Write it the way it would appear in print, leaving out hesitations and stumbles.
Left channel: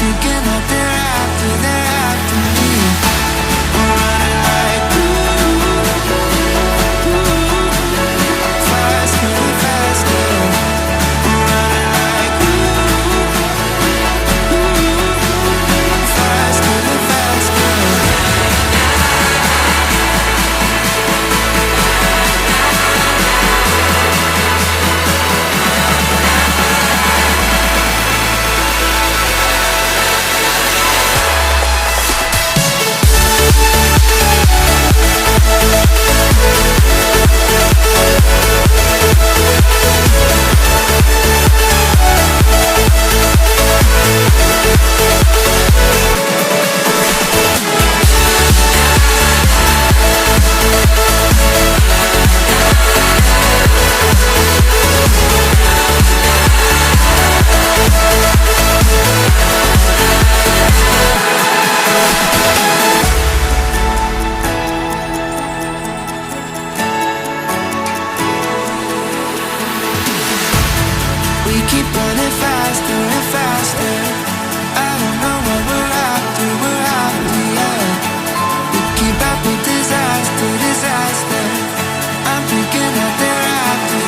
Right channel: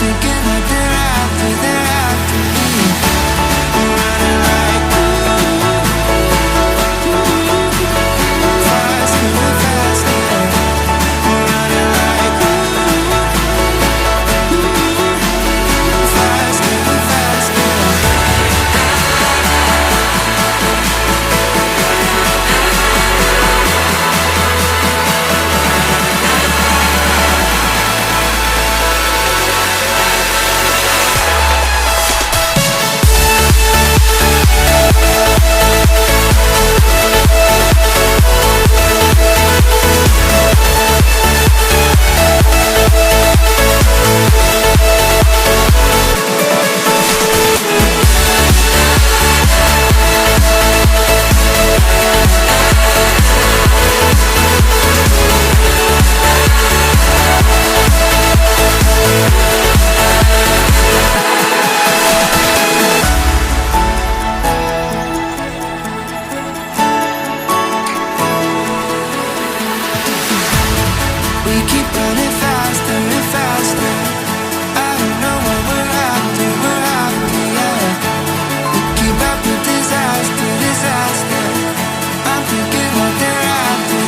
thinking that they're after me. We're running like faster and faster. We're running like faster and faster. We keep running faster and faster. I don't know what we're after, yeah. We keep up with disaster. I'm thinking that they're after